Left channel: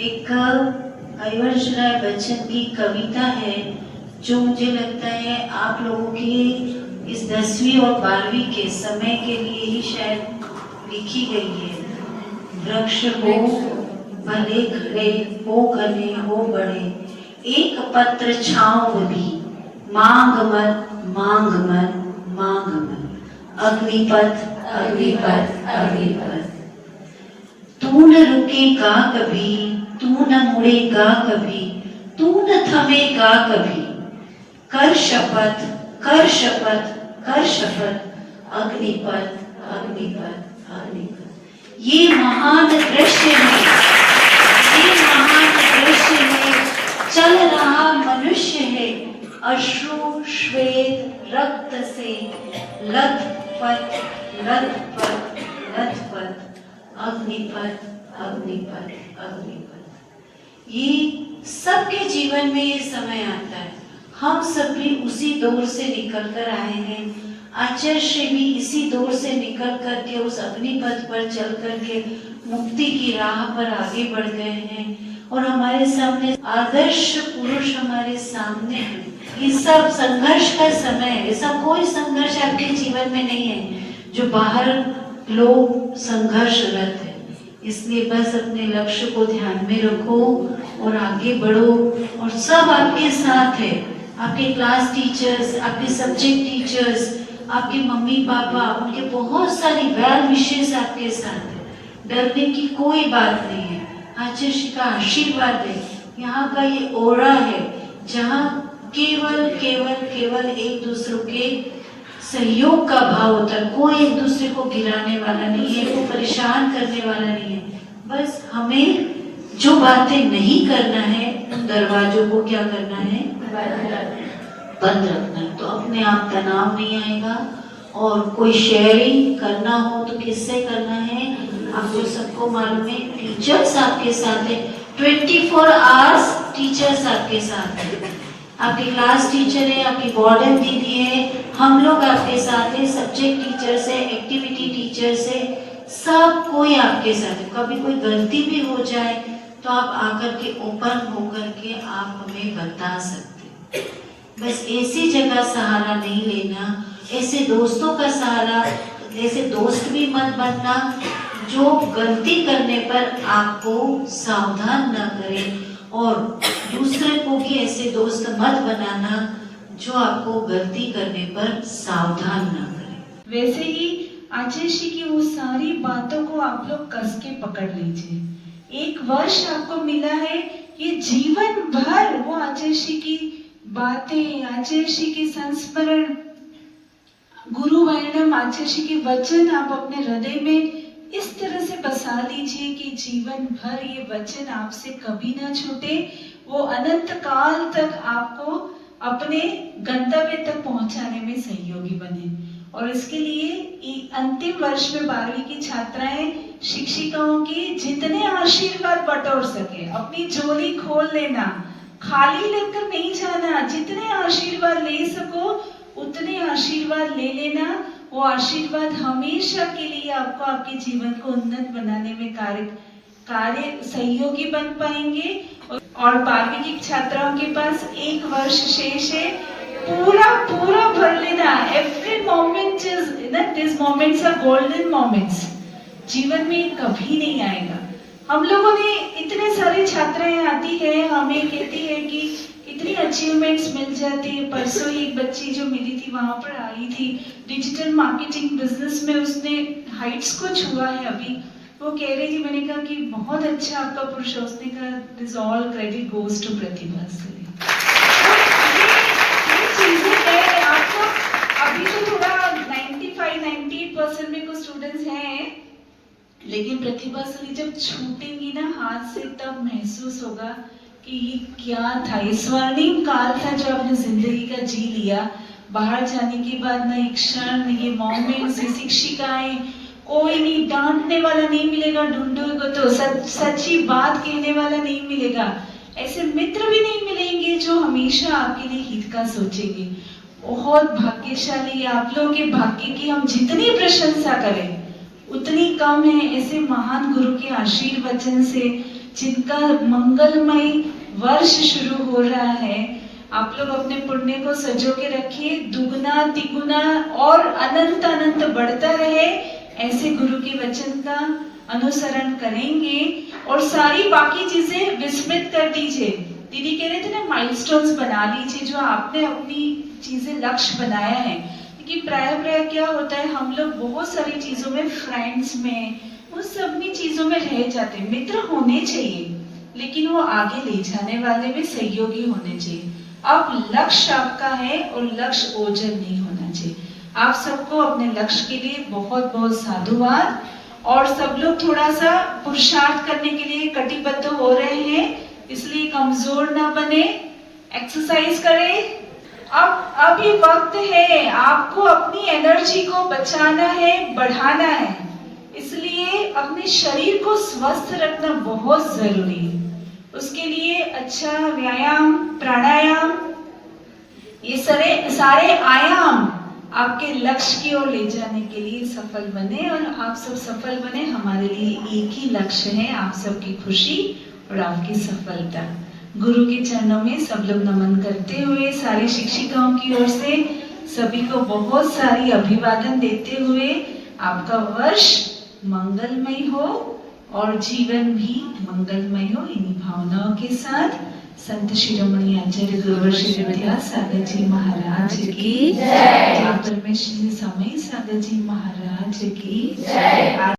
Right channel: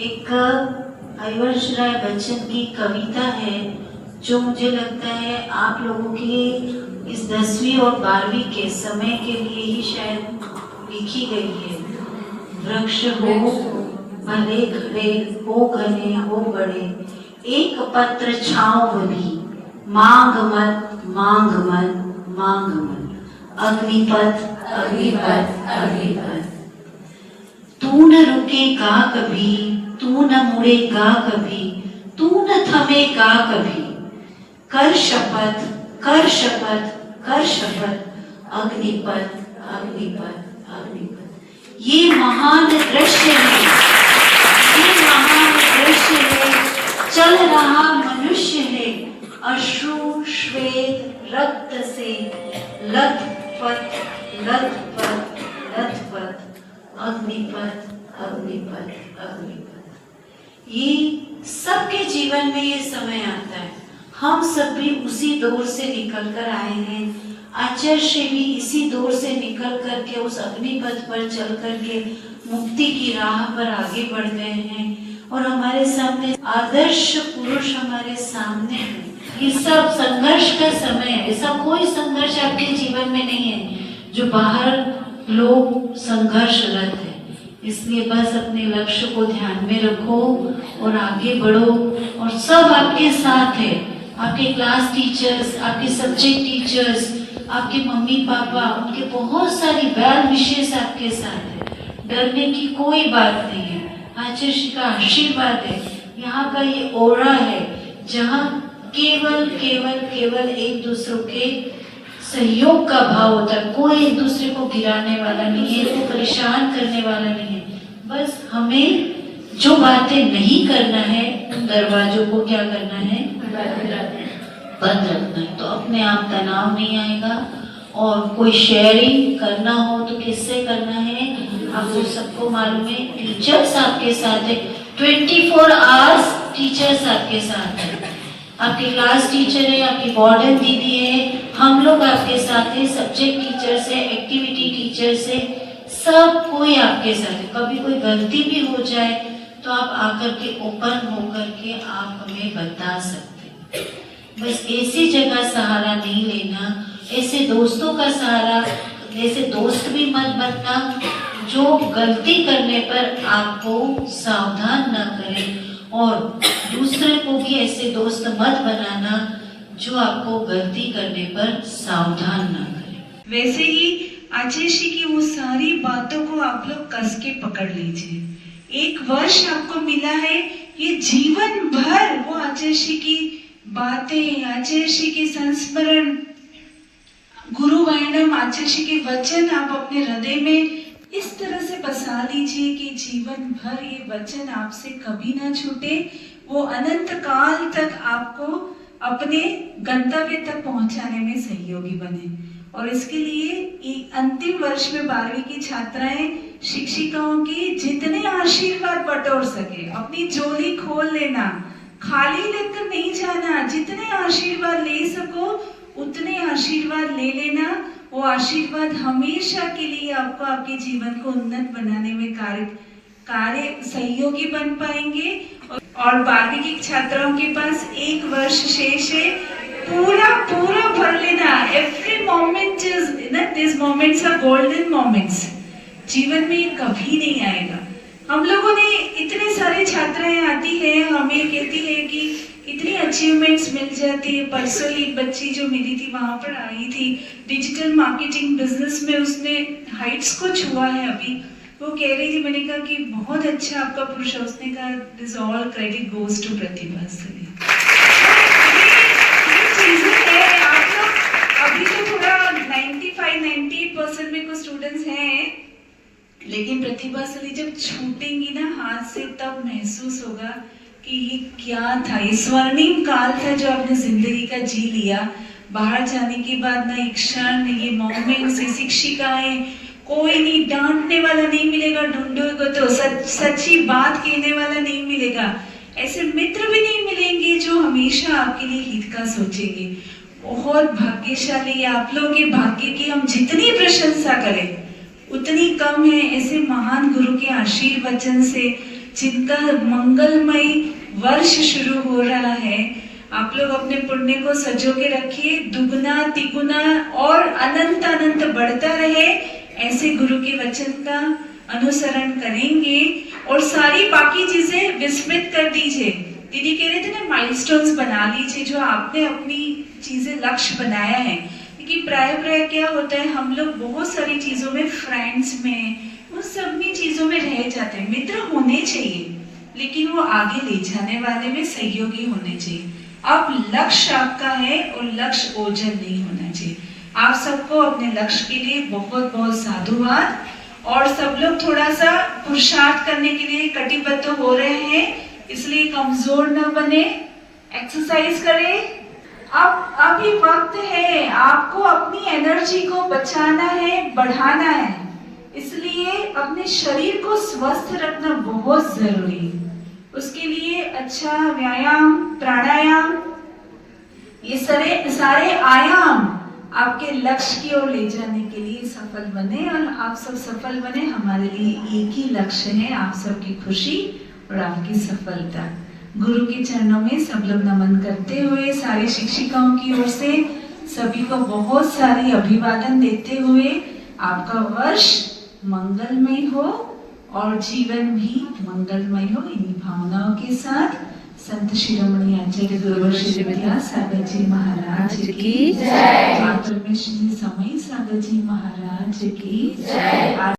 एक हरिवंश राय बच्चन की कविता है जो मुझे लगता है आप लोगों की इस 10वीं और 12वीं के समय के लिए ही शायद लिखी गई है। वृक्ष हो भले खड़े, हो घने हो बड़े, एक पत्र छाँव भी, मांग मत मांग मत मांग मत। अग्निपथ अग्निपथ अग्निपथ। तू न रुकेगा कभी, तू न मुड़ेगा कभी, तू न थमेगा कभी। कर शपथ कर शपथ कर शपथ, अग्निपथ अग्निपथ अग्निपथ। ये महान दृश्य है, ये महान दृश्य है, चल रहा मनुष्य है अश्रु श्वेत रक्त से लथपथ लथपथ लथपथ। अग्निपथ अग्निपथ अग्निपथ। ये सबके जीवन में ये समय आता है। हम सब भी उसी दौर से निकल कर आए हैं। आचार्य भी इसी दौर से निकल करके उस अग्निपथ पर चल करके मुक्ति की राह पर आगे बढ़ गए हैं और हमारे सामने आदर्श पुरुष हमारे सामने हैं। ये सब संघर्ष का समय है। ऐसा कोई संघर्ष आपके जीवन में नहीं है जो बाहर लोग संघर्षरत है। इसलिए बस अपने लक्ष्य को ध्यान में रखो और आगे बढ़ो। और सब आपके साथ है, आपके क्लास टीचर्स, आपके सब्जेक्ट टीचर्स, आपके मम्मी पापा, उनके बहुत सारी वेल विशेस आपके साथ है। डरने की कोई बात नहीं है। आचार्य श्री का आशीर्वाद है, यहाँ का ये ओरा है जहाँ केवल केवल केवल एक दूसरे के सहयोग का भाव होता है। कोई एक दूसरे को गिराने वाला नहीं है, को परेशान करने वाला नहीं है। बस हमें जो बातें नहीं करना है उन दरवाजों को क्या करना है, बंद रखना है। तो अपने आप तनाव नहीं आएगा। और कोई शेयरिंग करना हो तो किससे करना है, आपको सबको मालूम है। टीचर्स आपके साथ है, 24 आवर्स टीचर्स आपके साथ है। आपकी क्लास टीचर है, आपकी वार्डन दीदी है, हम लोग आपके साथ है, सब्जेक्ट टीचर से, एक्टिविटी टीचर से, सब कोई आपके साथ है। कभी कोई गलती भी हो जाए तो आप आकर के ओपन होकर के आप हमें बता सकते। बस ऐसी जगह सहारा नहीं लेना, ऐसे दोस्तों का सहारा, ऐसे दोस्त भी मत बनना जो गलती करने पर आपको सावधान न करें। और दूसरे को भी ऐसे दोस्त मत बनाना जो आपको गलती करने पर सावधान न करें। वैसे ही आचार्य श्री की वो सारी बातों को आप लोग कस के पकड़ लीजिए। 1 वर्ष आपको मिला है, ये जीवन भर वो आचार्य श्री की बातें, आचार्य श्री की संस्मरण, गुरु वैणव आचार्य श्री के वचन आप अपने हृदय में इस तरह से बसा लीजिए कि जीवन भर ये वचन आपसे कभी ना छूटे। वो अनंत काल तक आपको अपने गंतव्य तक पहुंचाने में सहयोगी बने। और इसके लिए अंतिम वर्ष में 12वीं की छात्राएं शिक्षिकाओं की जितने आशीर्वाद बटोर सके, अपनी झोली खोल लेना, खाली लेकर नहीं जाना। जितने आशीर्वाद ले सको उतने आशीर्वाद ले लेना। वो आशीर्वाद हमेशा के लिए आपको आपके जीवन को उन्नत बनाने में कार्य सहयोगी बन पाएंगे। और 12वीं की छात्राओं के पास 1 वर्ष शेष है, पूरा भर लेना। Every moment is this moments are golden moments. जीवन में कभी नहीं आएगा। हम लोगों ने इतने सारे छात्राएं आती है, हमें कहती है कि इतनी अचीवमेंट्स मिल जाती है। परसों एक बच्ची जो मिली थी वहां पर आई थी, डिजिटल मार्केटिंग बिजनेस में उसने हाइट्स को छुआ है अभी। वो कह रही थी, मैंने कहा कि बहुत अच्छा आपका पुरुष है। उसने कहा this all credit goes to Pratibha Sali. ये चीजें है, आप लोग अभी तो थोड़ा 95-98% में कुछ स्टूडेंट्स हैं, लेकिन प्रतिभा सली जब छूटेंगी ना हाथ से तब महसूस होगा कि ये क्या था, ये स्वर्णिम काल था जो आपने जिंदगी का जी लिया। बाहर जाने के बाद ना एक क्षण, ये मोमेंट्स, ये शिक्षिकाएं, कोई नहीं डांटने वाला नहीं मिलेगा, ढूंढोगे तो सच्ची बात कहने वाला नहीं मिलेगा। ऐसे मित्र भी नहीं मिलेंगे जो हमेशा आपके लिए हित का सोचेंगे। बहुत भाग्यशाली आप लोगों के भाग्य की हम जितनी प्रशंसा करें उतनी कम है। ऐसे महान गुरु के आशीर्वचन से जिनका मंगलमय वर्ष शुरू हो रहा है, आप लोग अपने पुण्य को सजो के रखिए, दुगना तिगुना और अनंत अनंत बढ़ता रहे। ऐसे गुरु के वचन का अनुसरण करेंगे और सारी बाकी चीजें विस्मृत कर दीजिए। दीदी कह रहे थे ना, माइलस्टोन्स बना लीजिए जो आपने अपनी चीजें लक्ष्य बनाया है। क्योंकि प्राय क्या होता है, हम लोग बहुत सारी चीजों में, फ्रेंड्स में, उन सब में चीजों में रह जाते हैं। मित्र होने चाहिए लेकिन वो आगे ले जाने वाले में सहयोगी होने चाहिए। अब लक्ष्य आपका है और लक्ष्य ओझल नहीं होना चाहिए। आप सबको अपने लक्ष्य के लिए बहुत बहुत साधुवाद। और सब लोग थोड़ा सा पुरुषार्थ करने के लिए कटिबद्ध हो रहे हैं, इसलिए कमजोर ना बने, एक्सरसाइज करें। अब ये वक्त है, आपको अपनी एनर्जी को बचाना है, बढ़ाना है, इसलिए अपने शरीर को स्वस्थ रखना बहुत जरूरी है। उसके लिए अच्छा व्यायाम, प्राणायाम, ये सारे आयाम आपके लक्ष्य की ओर ले जाने के लिए सफल बने। और आप सब सफल बने, हमारे लिए एक ही लक्ष्य है, आप सबकी खुशी और आपकी सफलता। गुरु के चरणों में सब लोग नमन करते हुए, सारी शिक्षिकाओं की ओर से सभी को बहुत सारी अभिवादन देते हुए, आपका वर्ष मंगलमय हो और जीवन भी मंगलमय हो। इन्हीं भावनाओं के साथ संत शिरोमणि आचार्य गुरुवर श्री विद्यासागर जी महाराज की जय, मातृ में श्री समय सागर जी महाराज की जय।